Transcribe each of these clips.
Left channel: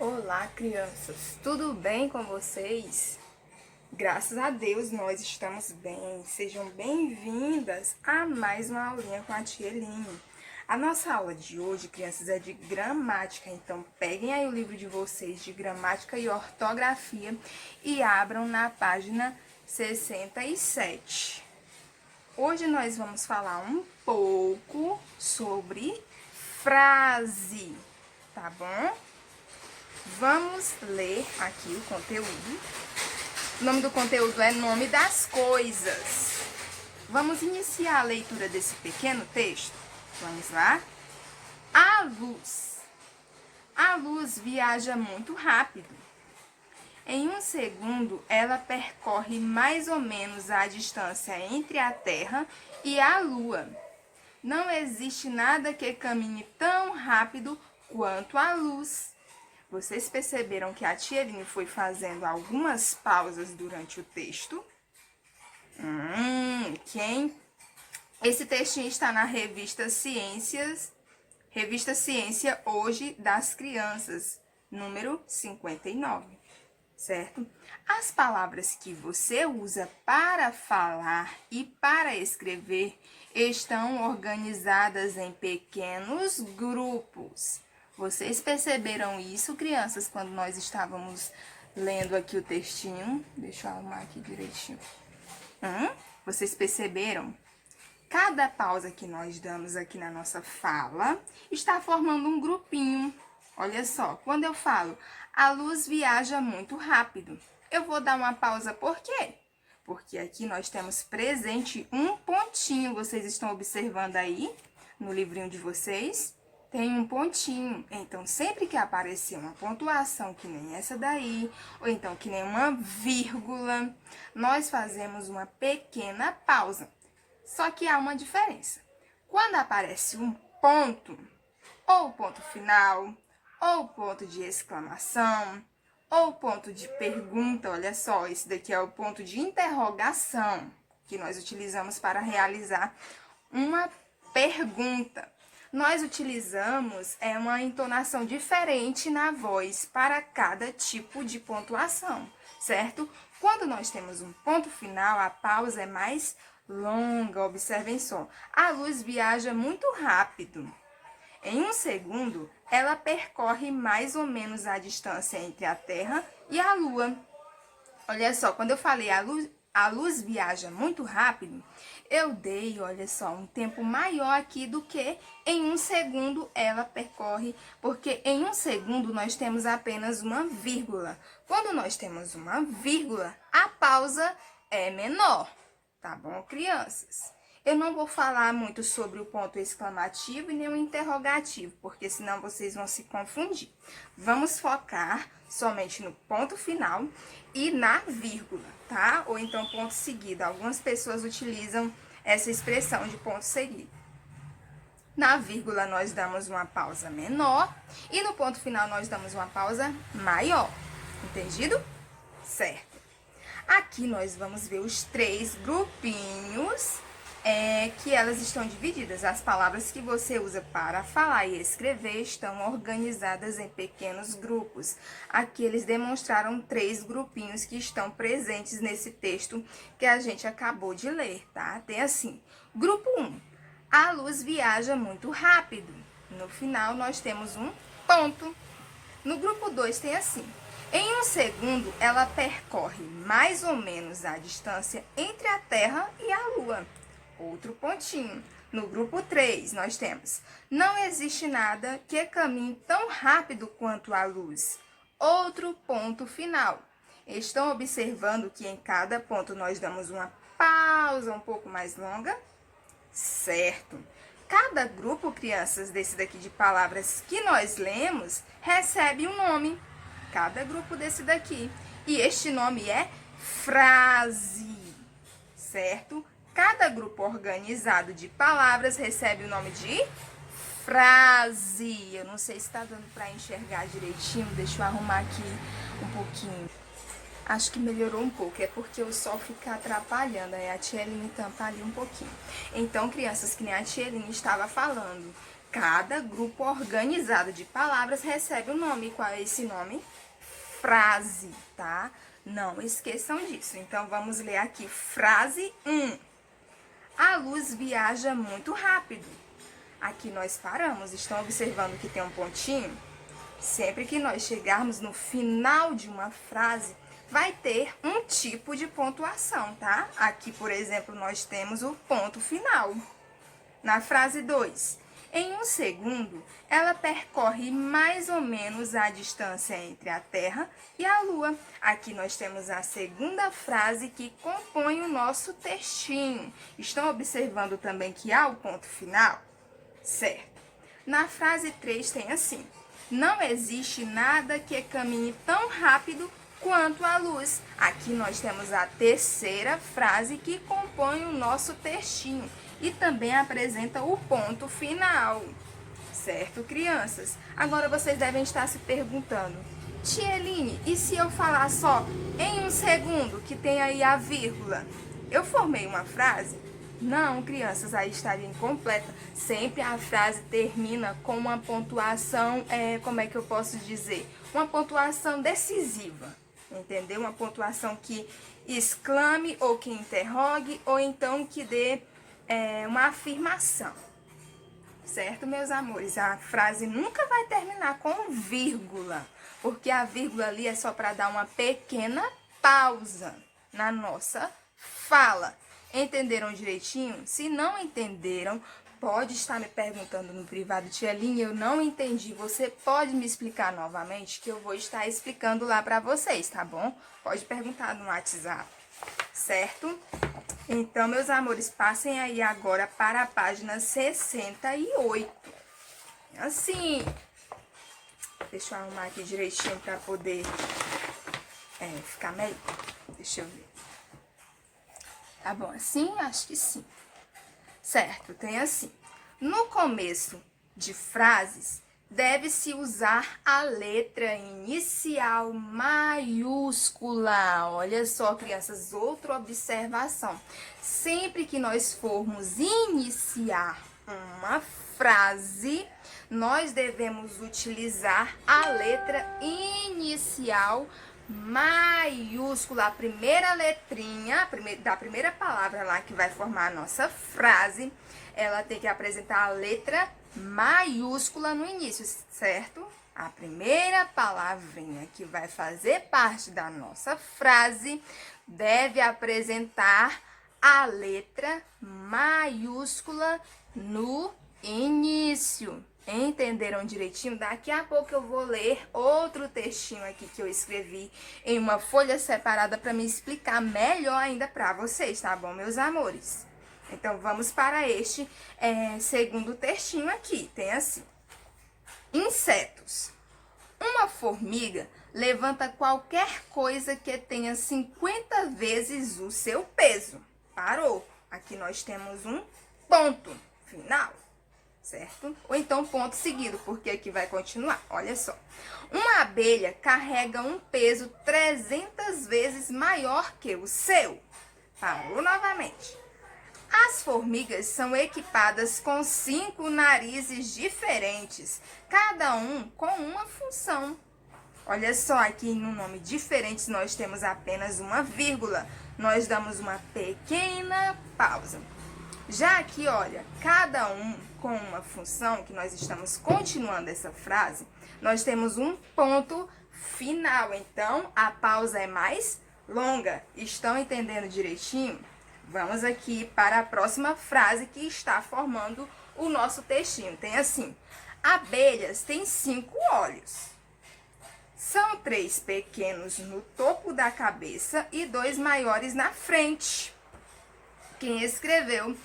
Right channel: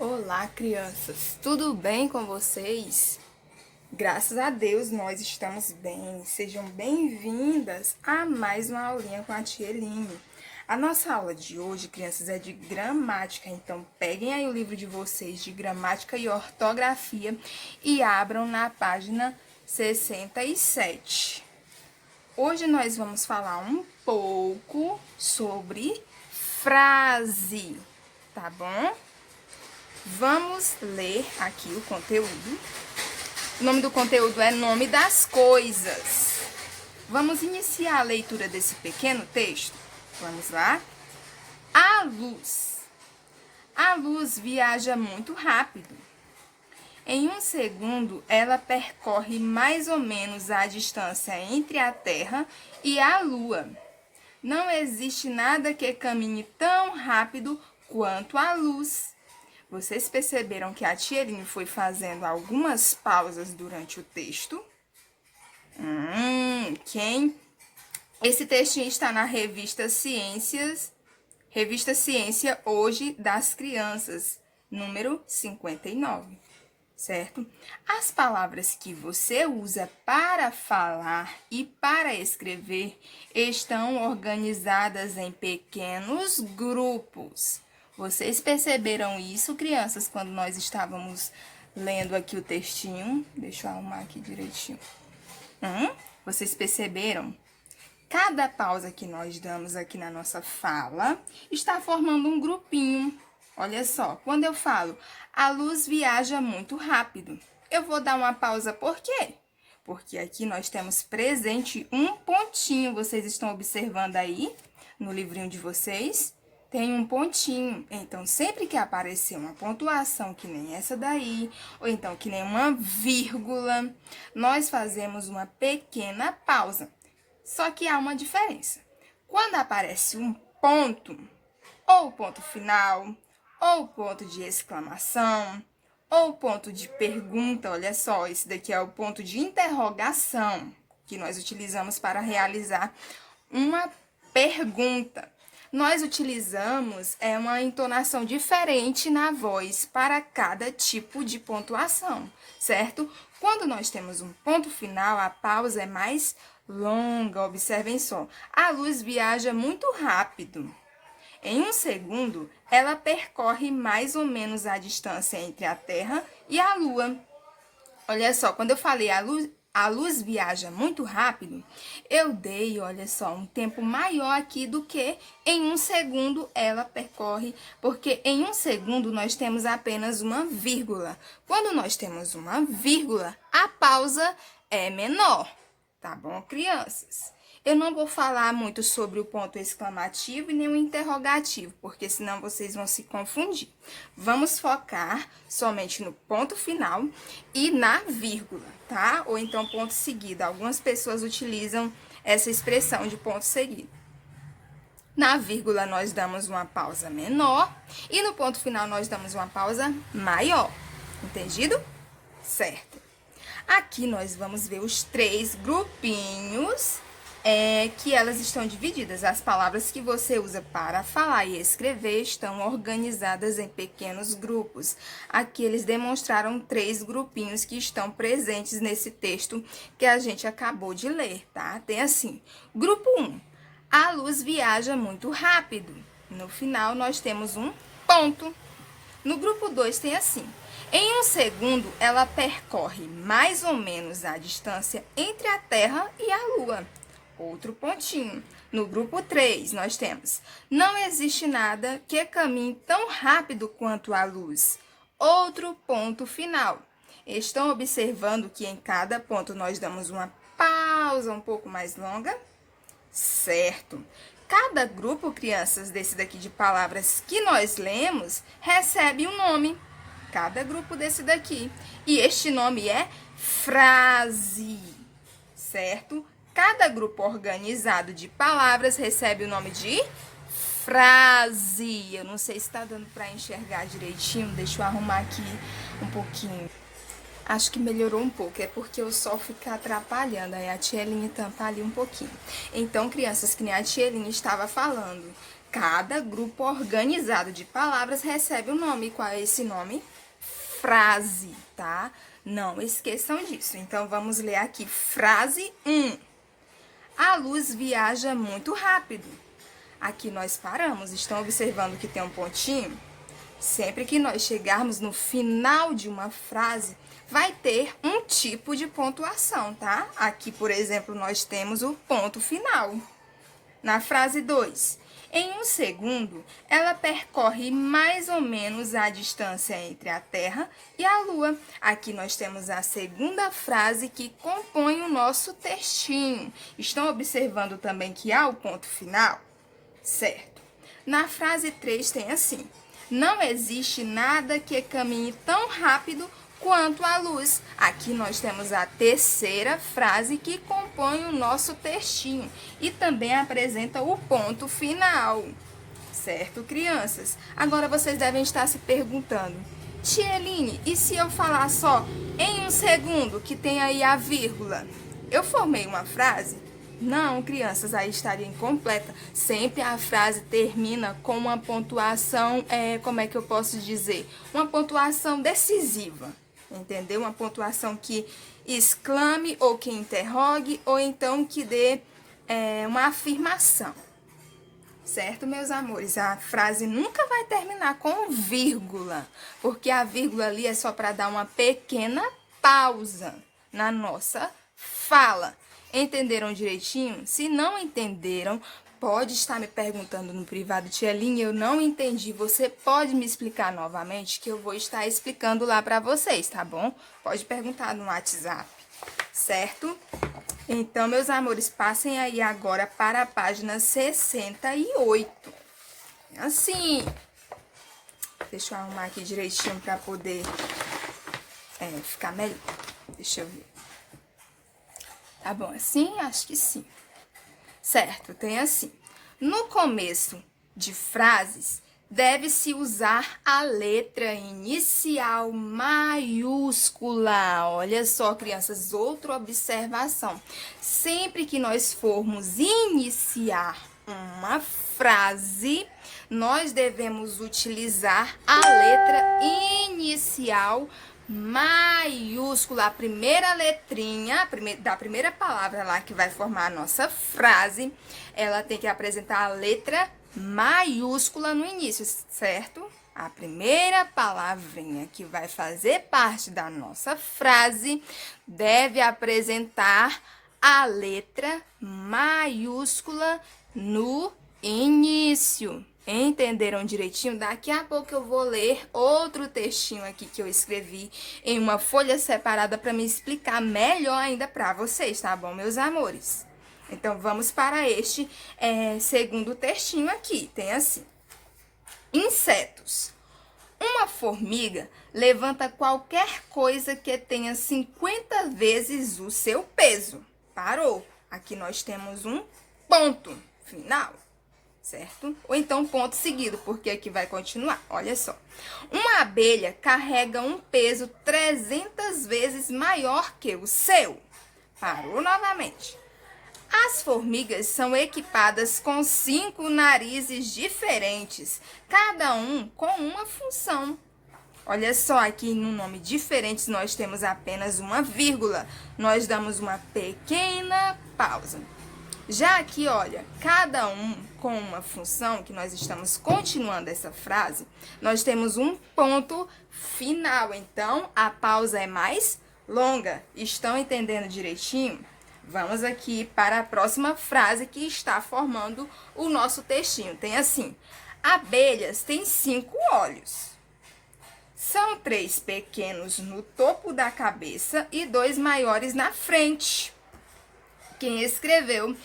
Olá, crianças! Tudo bem com vocês? Graças a Deus nós estamos bem. Sejam bem-vindas a mais uma aulinha com a tia Eline. A nossa aula de hoje, crianças, é de gramática, então peguem aí o livro de vocês de gramática e ortografia e abram na página 67. Hoje nós vamos falar um pouco sobre frase, tá bom? Vamos ler aqui o conteúdo. O nome do conteúdo é Nome das Coisas. Vamos iniciar a leitura desse pequeno texto? Vamos lá? A luz. A luz viaja muito rápido. Em um segundo, ela percorre mais ou menos a distância entre a Terra e a Lua. Não existe nada que caminhe tão rápido quanto a luz. Vocês perceberam que a tia Eline foi fazendo algumas pausas durante o texto? Quem? Esse textinho está na revista Ciência Hoje das Crianças, número 59, certo? As palavras que você usa para falar e para escrever estão organizadas em pequenos grupos. Vocês perceberam isso, crianças, quando nós estávamos lendo aqui o textinho? Deixa eu arrumar aqui direitinho. Vocês perceberam? Cada pausa que nós damos aqui na nossa fala está formando um grupinho. Olha só, quando eu falo, a luz viaja muito rápido, eu vou dar uma pausa por quê? Porque aqui nós temos presente um pontinho. Vocês estão observando aí no livrinho de vocês? Tem um pontinho, então sempre que aparecer uma pontuação que nem essa daí, ou então que nem uma vírgula, nós fazemos uma pequena pausa. Só que há uma diferença. Quando aparece um ponto, ou ponto final, ou ponto de exclamação, ou ponto de pergunta, olha só, esse daqui é o ponto de interrogação, que nós utilizamos para realizar uma pergunta. Nós utilizamos uma entonação diferente na voz para cada tipo de pontuação, certo? Quando nós temos um ponto final, a pausa é mais longa. Observem só. A luz viaja muito rápido. Em um segundo, ela percorre mais ou menos a distância entre a Terra e a Lua. Olha só, quando eu falei a luz viaja muito rápido, eu dei, olha só, um tempo maior aqui do que em um segundo ela percorre, porque em um segundo nós temos apenas uma vírgula. Quando nós temos uma vírgula, a pausa é menor, tá bom, crianças? Eu não vou falar muito sobre o ponto exclamativo e nem o interrogativo, porque senão vocês vão se confundir. Vamos focar somente no ponto final e na vírgula, tá? Ou então ponto seguido. Algumas pessoas utilizam essa expressão de ponto seguido. Na vírgula nós damos uma pausa menor e no ponto final nós damos uma pausa maior. Entendido? Certo. Aqui nós vamos ver os 3 grupinhos que elas estão divididas. As palavras que você usa para falar e escrever estão organizadas em pequenos grupos. Aqui eles demonstraram 3 grupinhos que estão presentes nesse texto que a gente acabou de ler, tá? Tem assim, grupo 1, a luz viaja muito rápido. No final nós temos um ponto. No grupo 2 tem assim, em um segundo ela percorre mais ou menos a distância entre a Terra e a Lua. Outro pontinho. No grupo 3, nós temos, não existe nada que caminhe tão rápido quanto a luz. Outro ponto final. Estão observando que em cada ponto nós damos uma pausa um pouco mais longa? Certo. Cada grupo, crianças, desse daqui de palavras que nós lemos, recebe um nome. Cada grupo desse daqui. E este nome é frase, certo? Cada grupo organizado de palavras recebe o nome de frase. Eu não sei se está dando para enxergar direitinho. Deixa eu arrumar aqui um pouquinho. Acho que melhorou um pouco. É porque o sol fica atrapalhando. Aí a tia Eline tampa ali um pouquinho. Então, crianças, que nem a tia Eline estava falando, Cada grupo organizado de palavras recebe um nome. Qual é esse nome? Frase, tá? Não esqueçam disso. Então, vamos ler aqui. Frase 1. A luz viaja muito rápido. Aqui nós paramos. Estão observando que tem um pontinho? Sempre que nós chegarmos no final de uma frase, vai ter um tipo de pontuação, tá? Aqui, por exemplo, nós temos o ponto final. Na frase 2, em 1 segundo, ela percorre mais ou menos a distância entre a Terra e a Lua. Aqui nós temos a segunda frase que compõe o nosso textinho. Estão observando também que há o ponto final? Certo. Na frase 3 tem assim: não existe nada que caminhe tão rápido quanto a luz. Aqui nós temos a terceira frase que compõe o nosso textinho e também apresenta o ponto final. Certo, crianças? Agora vocês devem estar se perguntando: Tia Eline, e se eu falar só em 1 segundo, que tem aí a vírgula? Eu formei uma frase? Não, crianças, aí estaria incompleta. Sempre a frase termina com uma pontuação, como é que eu posso dizer? Uma pontuação decisiva, entendeu? Uma pontuação que exclame ou que interrogue ou então que dê uma afirmação. Certo, meus amores? A frase nunca vai terminar com vírgula, porque a vírgula ali é só para dar uma pequena pausa na nossa fala. Entenderam direitinho? Se não entenderam, pode estar me perguntando no privado: Tia Eline, eu não entendi. Você pode me explicar novamente, que eu vou estar explicando lá para vocês, tá bom? Pode perguntar no WhatsApp, certo? Então, meus amores, passem aí agora para a página 68. Assim, deixa eu arrumar aqui direitinho para poder ficar melhor. Deixa eu ver. Tá bom assim? Acho que sim. Certo, tem assim. No começo de frases, deve-se usar a letra inicial maiúscula. Olha só, crianças, outra observação. Sempre que nós formos iniciar uma frase, nós devemos utilizar a letra inicial maiúscula, a primeira letrinha da primeira palavra lá que vai formar a nossa frase, ela tem que apresentar a letra maiúscula no início, certo? A primeira palavrinha que vai fazer parte da nossa frase deve apresentar a letra maiúscula no início. Entenderam direitinho? Daqui a pouco eu vou ler outro textinho aqui que eu escrevi em uma folha separada para me explicar melhor ainda para vocês, tá bom, meus amores? Então, vamos para este segundo textinho aqui. Tem assim: insetos. Uma formiga levanta qualquer coisa que tenha 50 vezes o seu peso. Parou. Aqui nós temos um ponto final. Certo? Ou então ponto seguido, porque aqui vai continuar. Olha só. Uma abelha carrega um peso 300 vezes maior que o seu. Parou novamente. As formigas são equipadas com 5 narizes diferentes, cada um com uma função. Olha só, aqui no nome diferentes nós temos apenas uma vírgula. Nós damos uma pequena pausa. Já aqui, olha, cada um com uma função, que nós estamos continuando essa frase, nós temos um ponto final. Então, a pausa é mais longa. Estão entendendo direitinho? Vamos aqui para a próxima frase que está formando o nosso textinho. Tem assim: abelhas têm 5 olhos. São 3 pequenos no topo da cabeça e 2 maiores na frente. Quem escreveu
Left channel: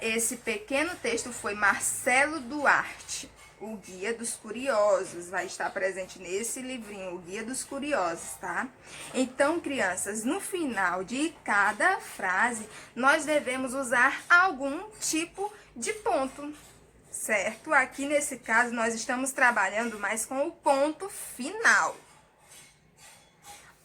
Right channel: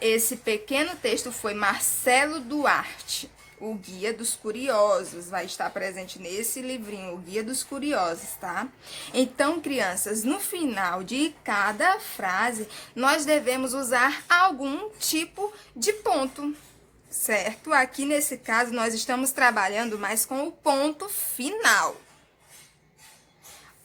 esse pequeno texto foi Marcelo Duarte, o Guia dos Curiosos. Vai estar presente nesse livrinho, o Guia dos Curiosos, tá? Então, crianças, no final de cada frase, nós devemos usar algum tipo de ponto, certo? Aqui, nesse caso, nós estamos trabalhando mais com o ponto final.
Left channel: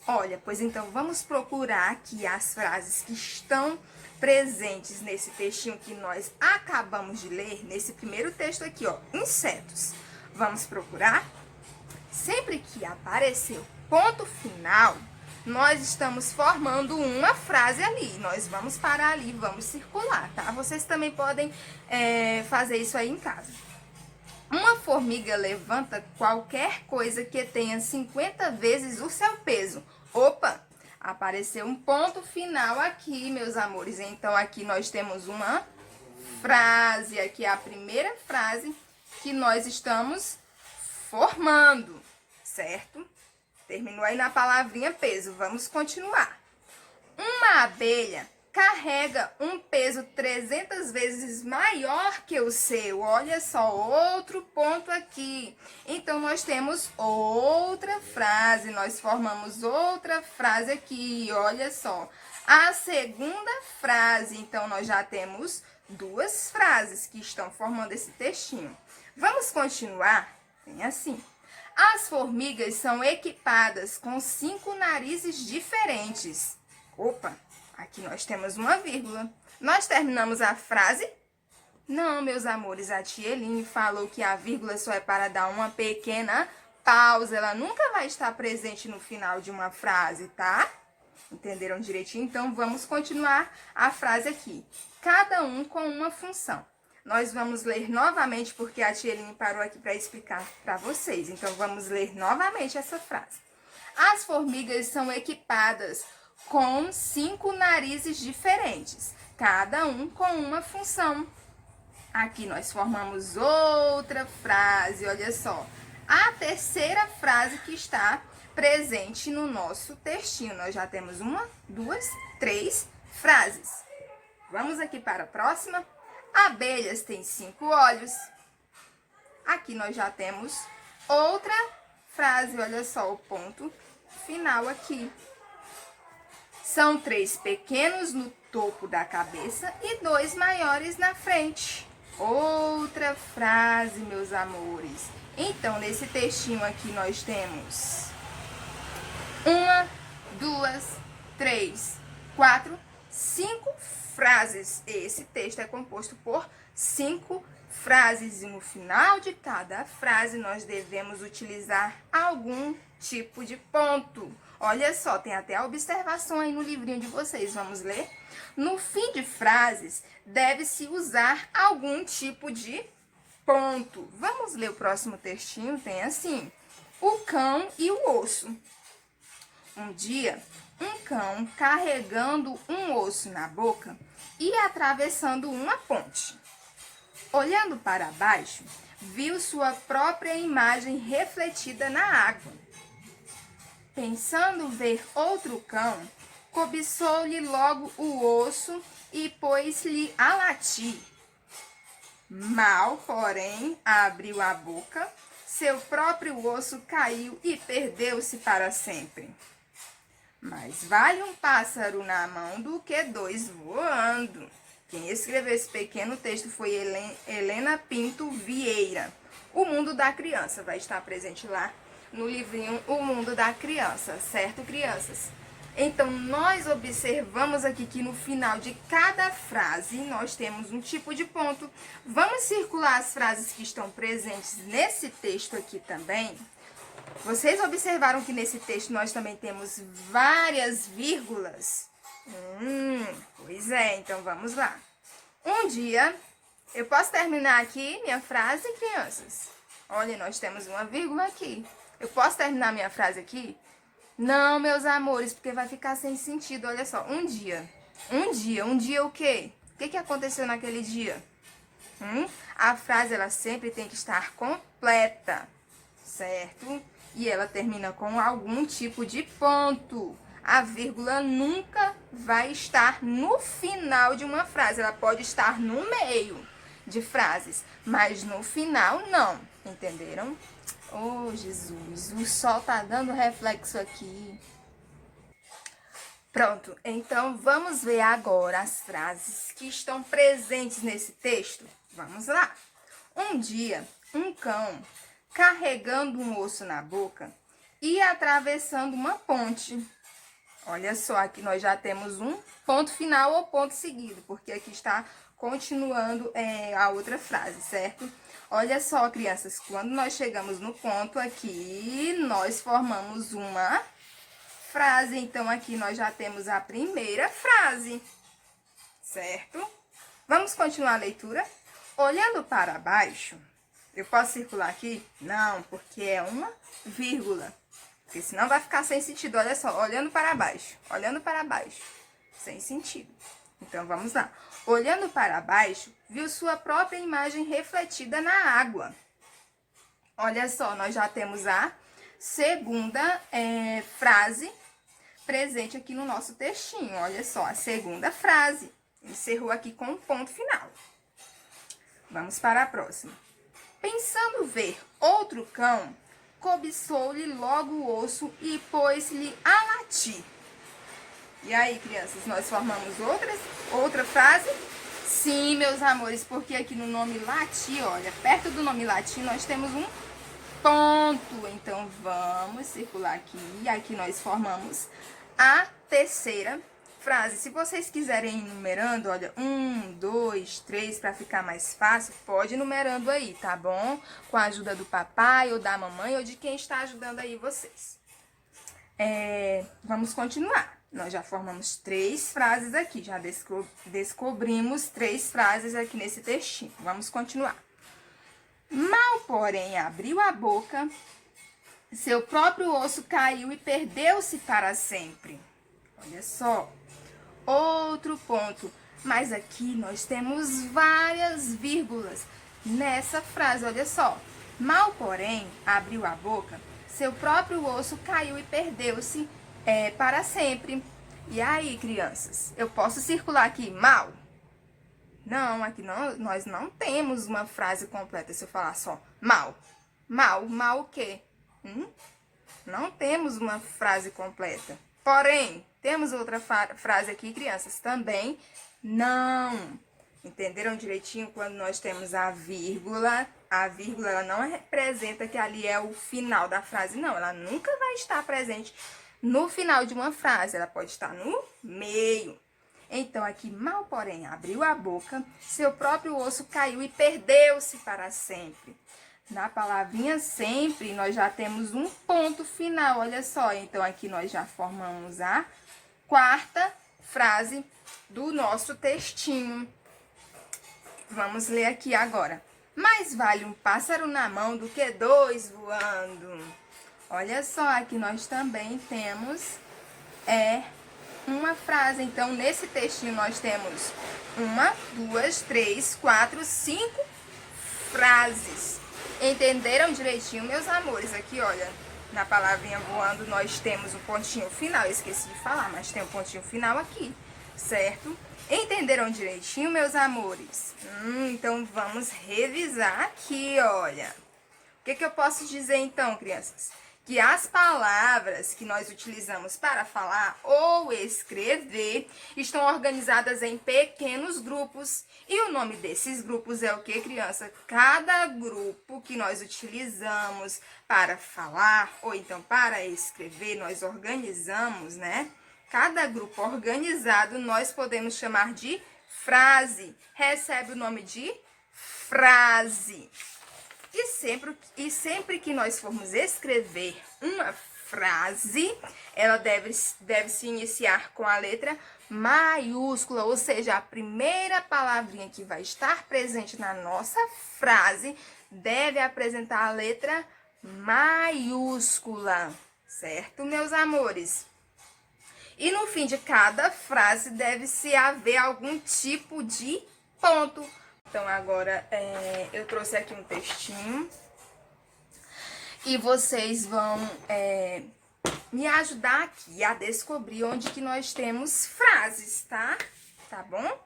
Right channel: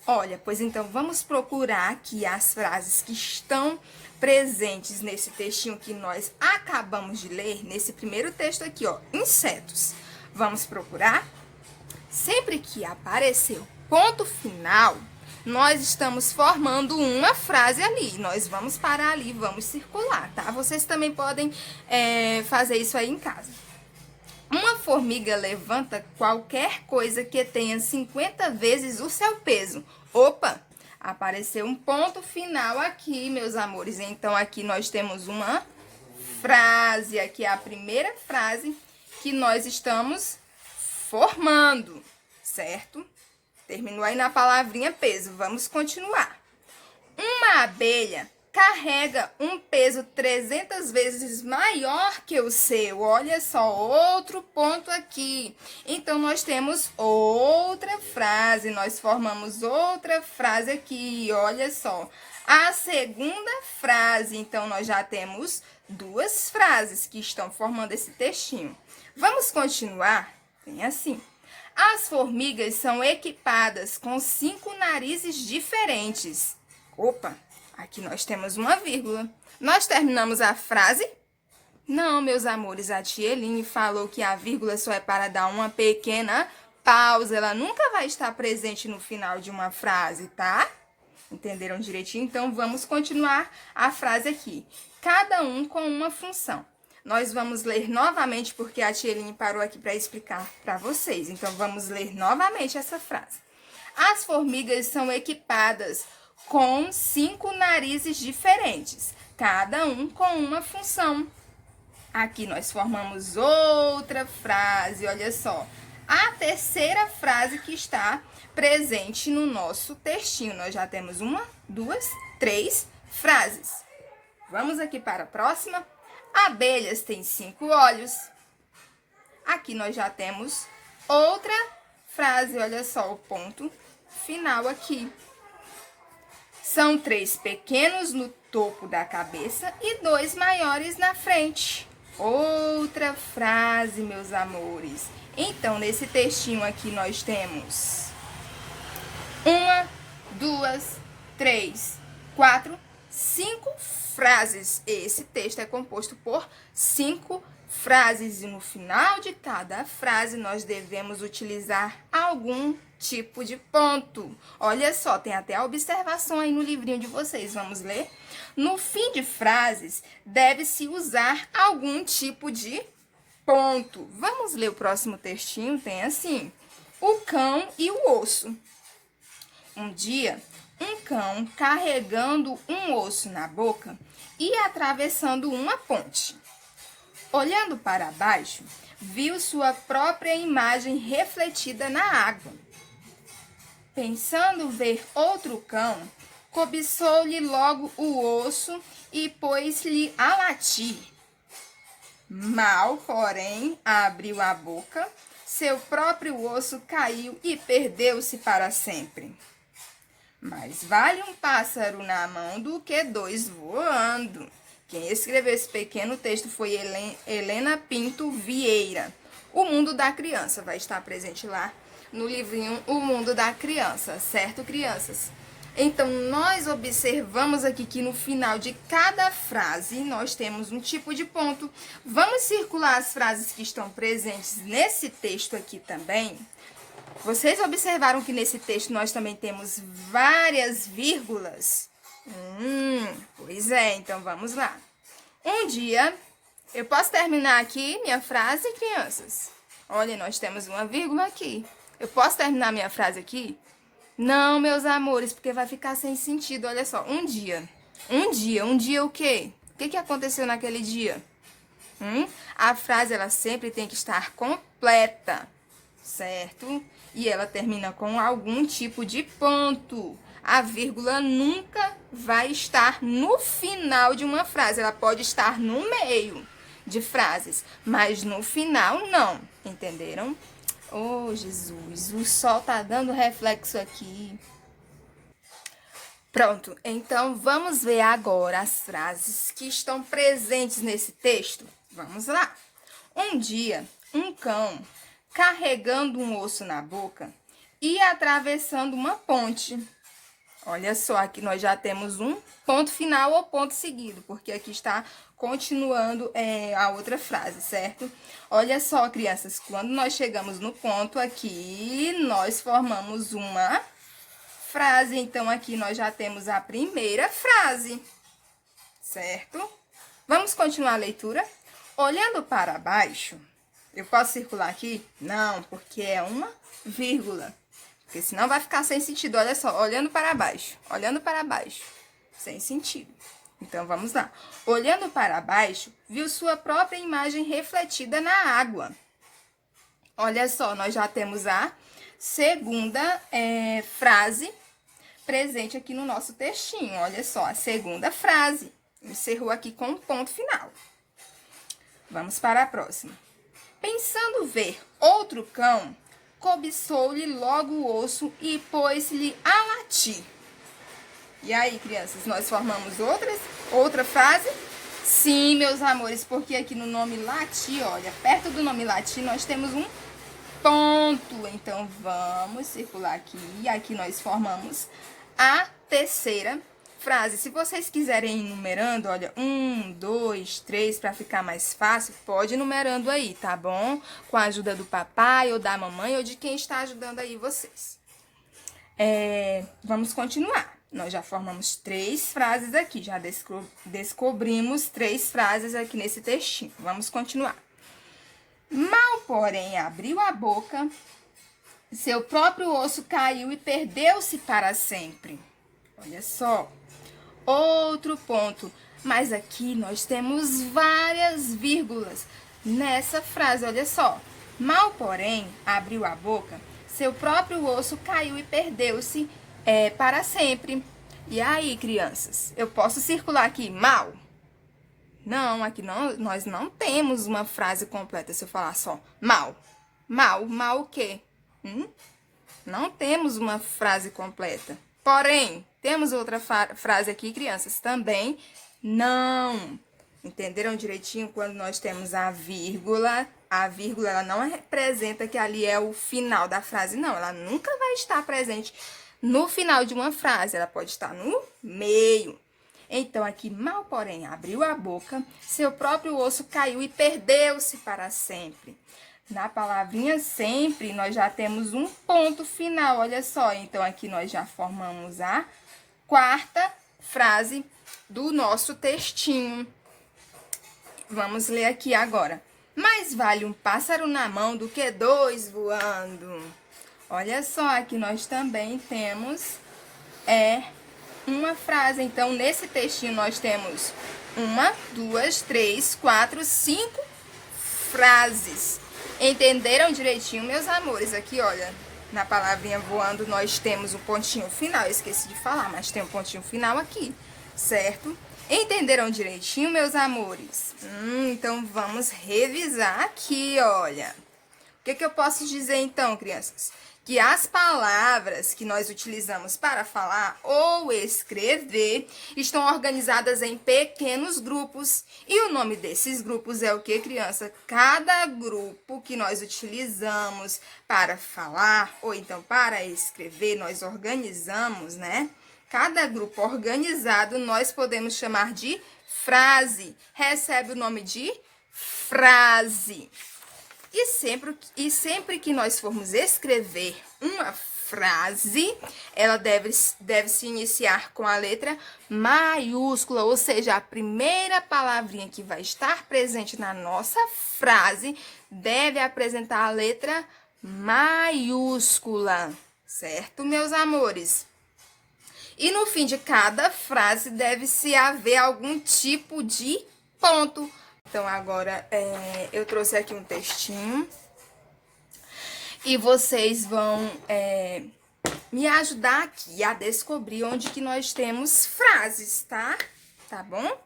Olha, pois então, vamos procurar aqui as frases que estão presentes nesse textinho que nós acabamos de ler, nesse primeiro texto aqui, ó, insetos. Vamos procurar? Sempre que aparecer o ponto final, nós estamos formando uma frase ali. Nós vamos parar ali, vamos circular, tá? Vocês também podem fazer isso aí em casa. Uma formiga levanta qualquer coisa que tenha 50 vezes o seu peso. Opa! Apareceu um ponto final aqui, meus amores. Então, aqui nós temos uma frase. Aqui é a primeira frase que nós estamos formando, certo? Terminou aí na palavrinha peso. Vamos continuar. Uma abelha carrega um peso 300 vezes maior que o seu. Olha só, outro ponto aqui. Então, nós temos outra frase. Nós formamos outra frase aqui. Olha só. A segunda frase. Então, nós já temos duas frases que estão formando esse textinho. Vamos continuar? Tem assim. As formigas são equipadas com 5 narizes diferentes. Opa! Aqui nós temos uma vírgula. Nós terminamos a frase? Não, meus amores, a tia Eline falou que a vírgula só é para dar uma pequena pausa. Ela nunca vai estar presente no final de uma frase, tá? Entenderam direitinho? Então, vamos continuar a frase aqui. Cada um com uma função. Nós vamos ler novamente, porque a tia Eline parou aqui para explicar para vocês. Então, vamos ler novamente essa frase. As formigas são equipadas com 5 narizes diferentes, cada um com uma função. Aqui nós formamos outra frase, olha só. A terceira frase que está presente no nosso textinho. Nós já temos 1, 2, 3 frases. Vamos aqui para a próxima. Abelhas têm 5 olhos. Aqui nós já temos outra frase, olha só o ponto final aqui. São 3 pequenos no topo da cabeça e 2 maiores na frente. Outra frase, meus amores. Então, nesse textinho aqui, nós temos 1, 2, 3, 4, 5 frases. Esse texto é composto por 5 frases. E no final de cada frase, nós devemos utilizar algum tipo de ponto. Olha só, tem até a observação aí no livrinho de vocês. Vamos ler? No fim de frases, deve-se usar algum tipo de ponto. Vamos ler o próximo textinho? Tem assim: o cão e o osso. Um dia, um cão carregando um osso na boca e atravessando uma ponte. Olhando para baixo, viu sua própria imagem refletida na água. Pensando ver outro cão, cobiçou-lhe logo o osso e pôs-lhe a latir. Mal, porém, abriu a boca, seu próprio osso caiu e perdeu-se para sempre. Mais vale um pássaro na mão do que 2 voando. Quem escreveu esse pequeno texto foi Helena Pinto Vieira. O Mundo da Criança vai estar presente lá no livrinho O Mundo da Criança, certo, crianças? Então, nós observamos aqui que no final de cada frase, nós temos um tipo de ponto. Vamos circular as frases que estão presentes nesse texto aqui também. Vocês observaram que nesse texto nós também temos várias vírgulas? Pois é, então vamos lá. Um dia, eu posso terminar aqui minha frase, crianças? Olha, nós temos uma vírgula aqui. Eu posso terminar minha frase aqui? Não, meus amores, porque vai ficar sem sentido. Olha só, um dia o quê? O que aconteceu naquele dia? A frase, ela sempre tem que estar completa, certo? E ela termina com algum tipo de ponto. A vírgula nunca vai estar no final de uma frase. Ela pode estar no meio de frases, mas no final não. Entenderam? Oh, Jesus, o sol tá dando reflexo aqui. Pronto, então vamos ver agora as frases que estão presentes nesse texto. Vamos lá. Um dia, um cão, carregando um osso na boca e atravessando uma ponte. Olha só, aqui nós já temos um ponto final ou ponto seguido, porque aqui está continuando a outra frase, certo? Olha só, crianças, quando nós chegamos no ponto aqui, nós formamos uma frase. Então, aqui nós já temos a primeira frase, certo? Vamos continuar a leitura? Olhando para baixo, eu posso circular aqui? Não, porque é uma vírgula. Porque senão vai ficar sem sentido. Olha só, olhando para baixo, sem sentido. Então, vamos lá. Olhando para baixo, viu sua própria imagem refletida na água. Olha só, nós já temos a segunda frase presente aqui no nosso textinho. Olha só, a segunda frase. Encerrou aqui com um ponto final. Vamos para a próxima. Pensando ver outro cão, cobiçou-lhe logo o osso e pôs-lhe a latir. E aí, crianças, nós formamos outra frase? Sim, meus amores, porque aqui no nome latir, olha, perto do nome latir nós temos um ponto. Então, vamos circular aqui. E aqui nós formamos a terceira frase. Se vocês quiserem ir numerando, olha, 1, 2, 3, para ficar mais fácil, pode ir numerando aí, tá bom? Com a ajuda do papai ou da mamãe ou de quem está ajudando aí vocês. Vamos continuar. Nós já formamos 3 frases aqui, já descobrimos 3 frases aqui nesse textinho. Vamos continuar. Mal, porém, abriu a boca, seu próprio osso caiu e perdeu-se para sempre. Olha só. Outro ponto, mas aqui nós temos várias vírgulas nessa frase, olha só. Mal, porém, abriu a boca, seu próprio osso caiu e perdeu-se para sempre. E aí, crianças, eu posso circular aqui mal? Não, aqui não, nós não temos uma frase completa se eu falar só mal. Mal o quê? Não temos uma frase completa. Porém, temos outra frase aqui, crianças, também não. Entenderam direitinho quando nós temos a vírgula? A vírgula, ela não representa que ali é o final da frase, não. Ela nunca vai estar presente no final de uma frase, ela pode estar no meio. Então, aqui, mal, porém, abriu a boca, seu próprio osso caiu e perdeu-se para sempre. Na palavrinha sempre, nós já temos um ponto final, olha só. Então, aqui nós já formamos a quarta frase do nosso textinho. Vamos ler aqui agora. Mais vale um pássaro na mão do que 2 voando. Olha só, aqui nós também temos uma frase. Então, nesse textinho nós temos 1, 2, 3, 4, 5 frases. Entenderam direitinho, meus amores? Aqui, olha, na palavrinha voando nós temos o pontinho final. Eu esqueci de falar, mas tem um pontinho final aqui, certo? Entenderam direitinho, meus amores? Então, vamos revisar aqui, olha. O que eu posso dizer, então, crianças? Que as palavras que nós utilizamos para falar ou escrever estão organizadas em pequenos grupos. E o nome desses grupos é o que, criança? Cada grupo que nós utilizamos para falar ou então para escrever, nós organizamos, né? Cada grupo organizado nós podemos chamar de frase. Recebe o nome de frase. E sempre que nós formos escrever uma frase, ela deve se iniciar com a letra maiúscula, ou seja, a primeira palavrinha que vai estar presente na nossa frase deve apresentar a letra maiúscula, certo, meus amores? E no fim de cada frase deve-se haver algum tipo de ponto. Então, agora, eu trouxe aqui um textinho e vocês vão me ajudar aqui a descobrir onde que nós temos frases, tá? Tá bom?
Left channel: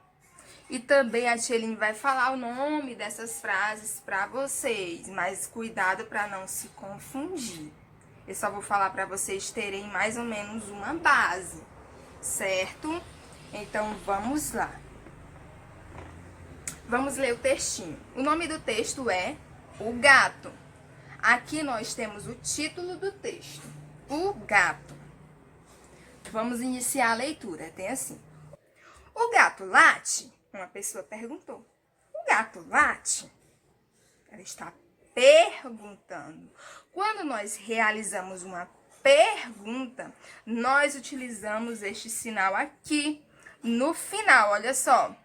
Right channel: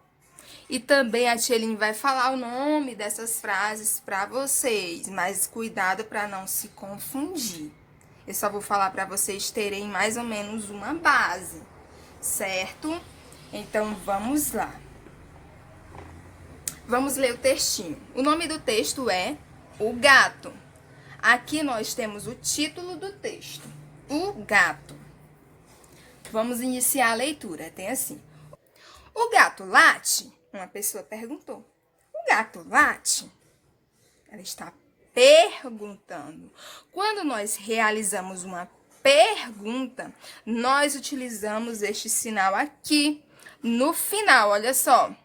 E também a tia Eline vai falar o nome dessas frases para vocês, mas cuidado para não se confundir. Eu só vou falar para vocês terem mais ou menos uma base, certo? Então, vamos lá. Vamos ler o textinho. O nome do texto é O Gato. Aqui nós temos o título do texto, O Gato. Vamos iniciar a leitura. Tem assim. O gato late? Uma pessoa perguntou. O gato late? Ela está perguntando. Quando nós realizamos uma pergunta, nós utilizamos este sinal aqui no final. Olha só.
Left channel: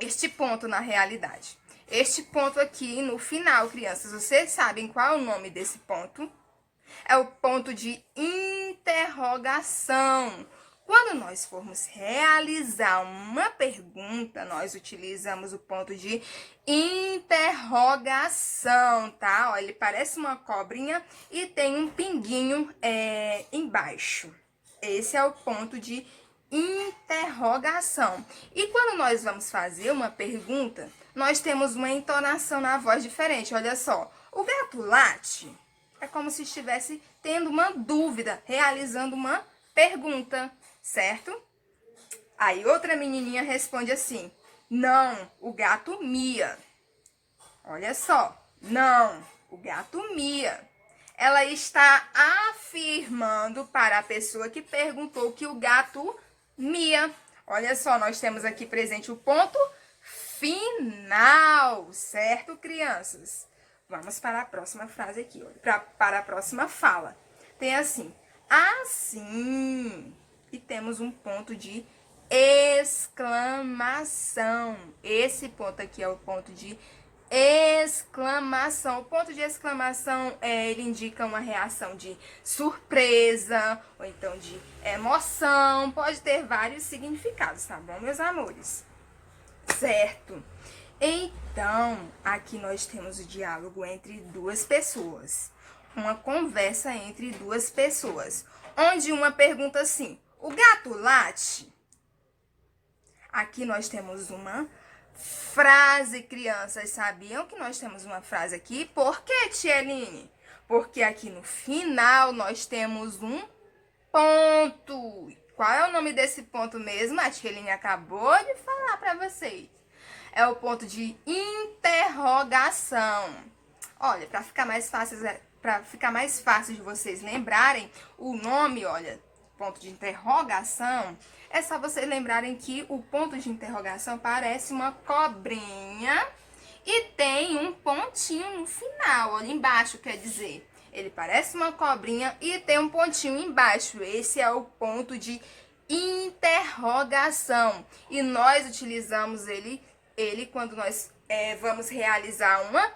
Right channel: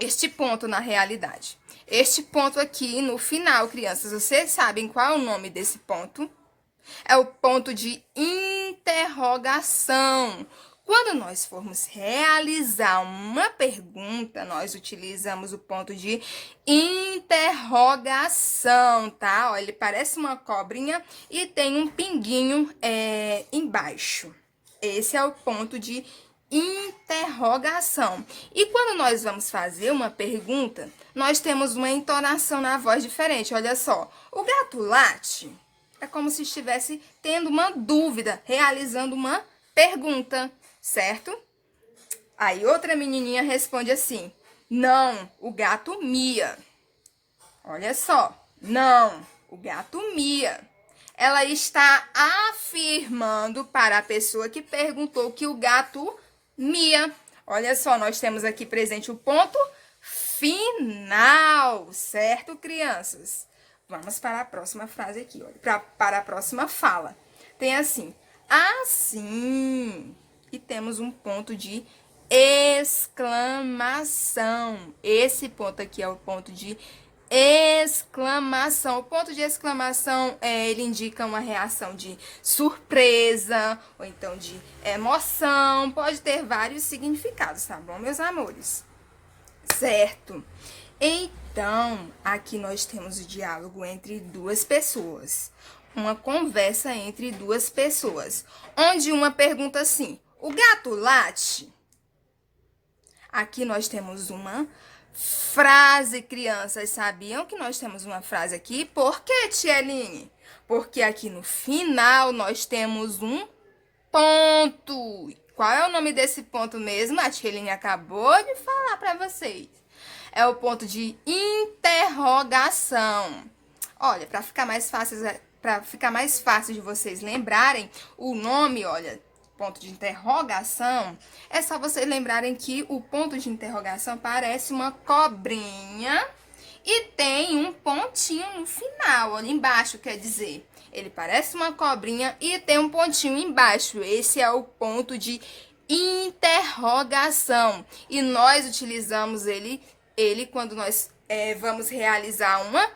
Este ponto na realidade. Este ponto aqui no final, crianças, vocês sabem qual é o nome desse ponto? É o ponto de interrogação. Quando nós formos realizar uma pergunta, nós utilizamos o ponto de interrogação, tá? Ó, ele parece uma cobrinha e tem um pinguinho embaixo. Esse é o ponto de interrogação. E quando nós vamos fazer uma pergunta, nós temos uma entonação na voz diferente. Olha só, o gato late? É como se estivesse tendo uma dúvida, realizando uma pergunta, certo? Aí outra menininha responde assim, não, o gato mia. Olha só, não, o gato mia. Ela está afirmando para a pessoa que perguntou que o gato mia. Olha só, nós temos aqui presente o ponto final, certo, crianças? Vamos para a próxima frase aqui, olha, para a próxima fala. Tem assim, assim, e temos um ponto de exclamação. Esse ponto aqui é o ponto de exclamação. O ponto de exclamação, ele indica uma reação de surpresa, ou então de emoção. Pode ter vários significados, tá bom, meus amores? Certo? Então, aqui nós temos o diálogo entre duas pessoas. Uma conversa entre duas pessoas. Onde uma pergunta assim, o gato late? Aqui nós temos uma frase, crianças. Sabiam que nós temos uma frase aqui? Por que, tia Eline? Porque aqui no final nós temos um ponto. Qual é o nome desse ponto mesmo? A tia Eline acabou de falar para vocês. É o ponto de interrogação. Olha, para ficar mais fácil de vocês lembrarem o nome, olha, ponto de interrogação, é só vocês lembrarem que o ponto de interrogação parece uma cobrinha e tem um pontinho no final, olha embaixo, quer dizer, ele parece uma cobrinha e tem um pontinho embaixo. Esse é o ponto de interrogação e nós utilizamos ele quando nós vamos realizar uma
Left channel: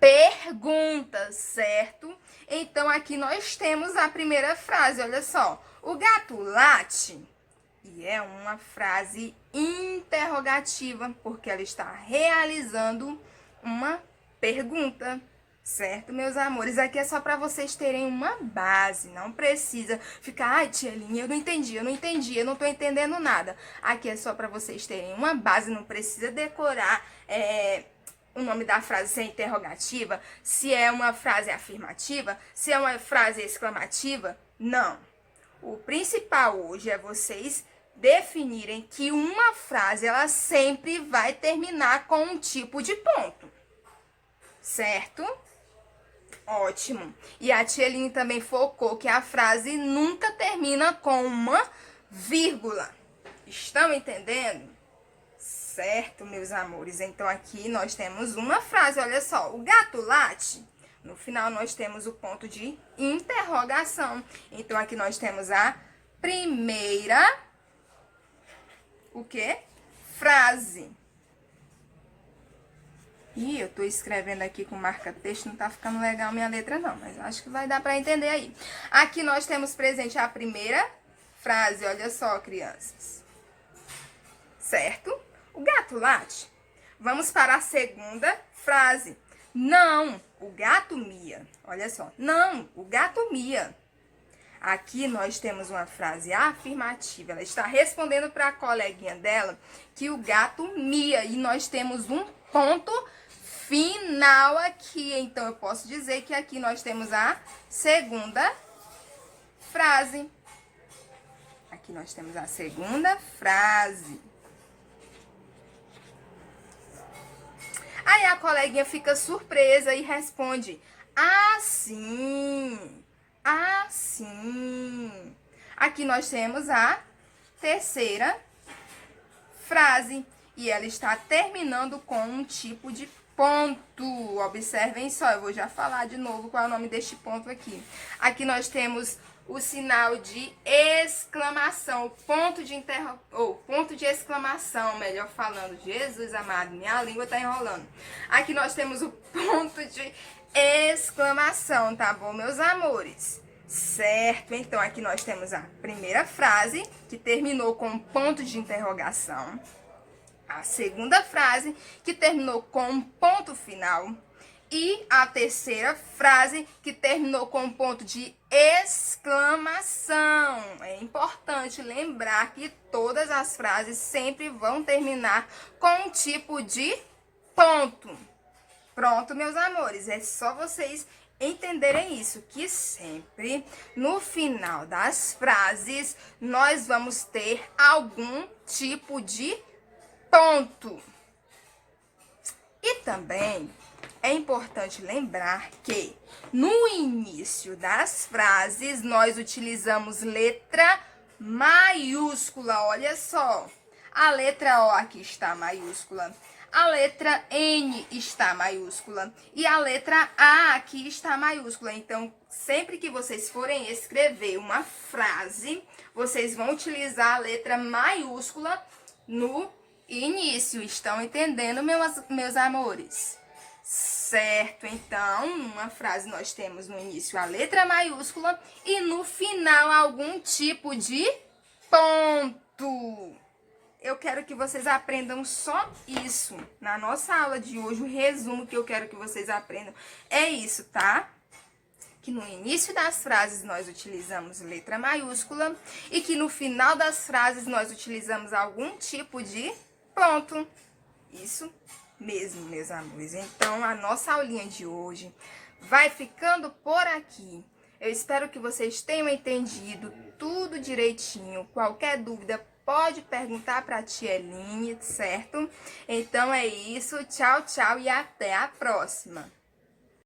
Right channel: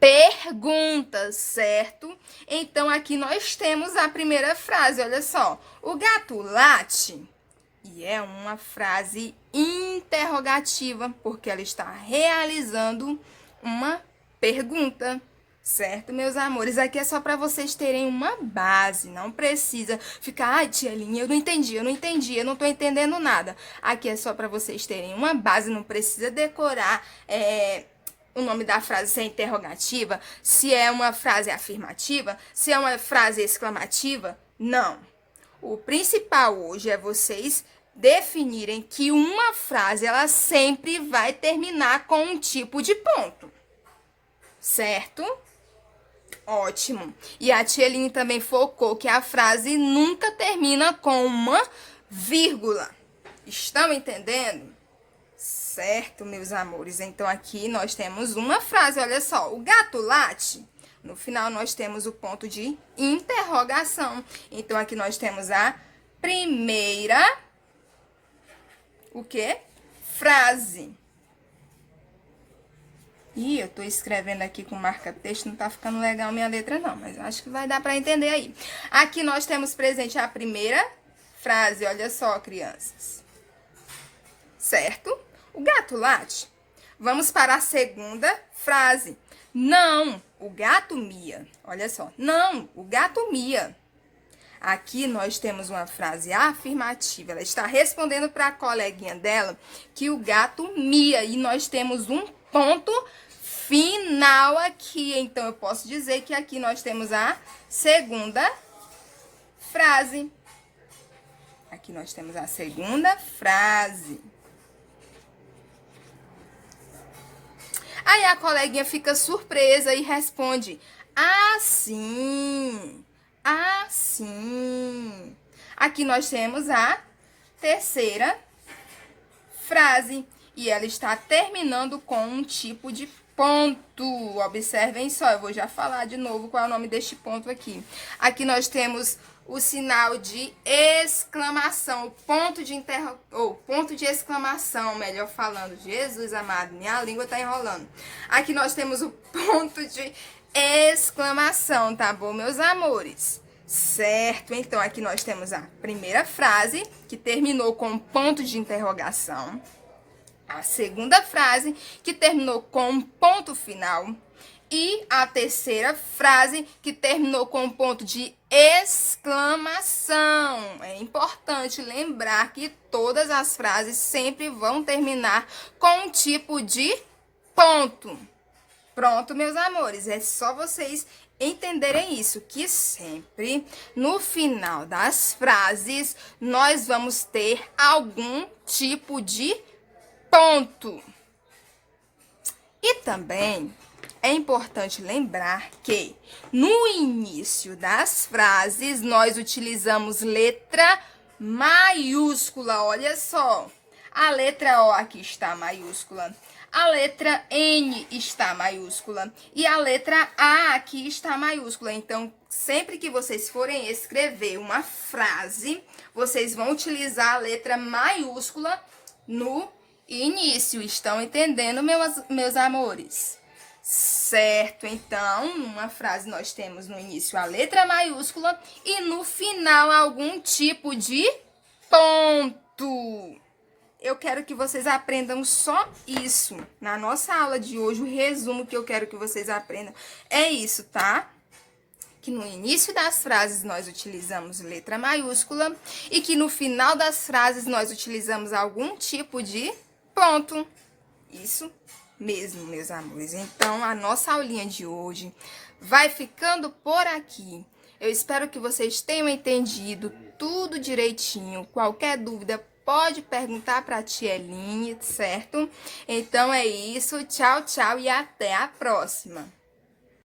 pergunta, certo? Então, aqui nós temos a primeira frase, olha só. O gato late? E é uma frase interrogativa, porque ela está realizando uma pergunta, certo, meus amores? Aqui é só para vocês terem uma base, não precisa ficar, ai, tia Linha, eu não entendi, eu não tô entendendo nada. Aqui é só para vocês terem uma base, não precisa decorar o nome da frase, se é interrogativa, se é uma frase afirmativa, se é uma frase exclamativa, não. O principal hoje é vocês definirem que uma frase, ela sempre vai terminar com um tipo de ponto, certo? Ótimo. E a tia Eline também focou que a frase nunca termina com uma vírgula. Estão entendendo? Certo, meus amores. Então, aqui nós temos uma frase, olha só. O gato late? No final, nós temos o ponto de interrogação. Então, aqui nós temos a primeira, o quê? Frase. Ih, eu tô escrevendo aqui com marca-texto, não tá ficando legal a minha letra não, mas acho que vai dar pra entender aí. Aqui nós temos presente a primeira frase, olha só, crianças. Certo? O gato late? Vamos para a segunda frase. Não, o gato mia. Olha só, não, o gato mia. Aqui nós temos uma frase afirmativa. Ela está respondendo para a coleguinha dela que o gato mia. E nós temos um ponto final aqui. Então, eu posso dizer que aqui nós temos a segunda frase. Aqui nós temos a segunda frase. Aí a coleguinha fica surpresa e responde, assim, assim. Aqui nós temos a terceira frase e ela está terminando com um tipo de ponto. Observem só, eu vou já falar de novo qual é o nome deste ponto aqui. Aqui nós temos o sinal de exclamação, o ponto de ponto de exclamação, melhor falando. Jesus amado, minha língua tá enrolando. Aqui nós temos o ponto de exclamação, tá bom, meus amores? Certo, então aqui nós temos a primeira frase, que terminou com um ponto de interrogação. A segunda frase, que terminou com um ponto final. E a terceira frase, que terminou com um ponto de exclamação. É importante lembrar que todas as frases sempre vão terminar com um tipo de ponto. Pronto, meus amores, é só vocês entenderem isso, que sempre no final das frases nós vamos ter algum tipo de ponto. E também é importante lembrar que no início das frases nós utilizamos letra maiúscula. Olha só, a letra O aqui está maiúscula, a letra N está maiúscula e a letra A aqui está maiúscula. Então, sempre que vocês forem escrever uma frase, vocês vão utilizar a letra maiúscula no início. Estão entendendo, meus amores? Certo, então, numa frase nós temos no início a letra maiúscula e no final algum tipo de ponto. Eu quero que vocês aprendam só isso. Na nossa aula de hoje, o resumo que eu quero que vocês aprendam é isso, tá? Que no início das frases nós utilizamos letra maiúscula e que no final das frases nós utilizamos algum tipo de ponto. Isso mesmo, meus amores. Então, a nossa aulinha de hoje vai ficando por aqui. Eu espero que vocês tenham entendido tudo direitinho. Qualquer dúvida, pode perguntar para a tia Eline, certo? Então, é isso. Tchau, tchau e até a próxima.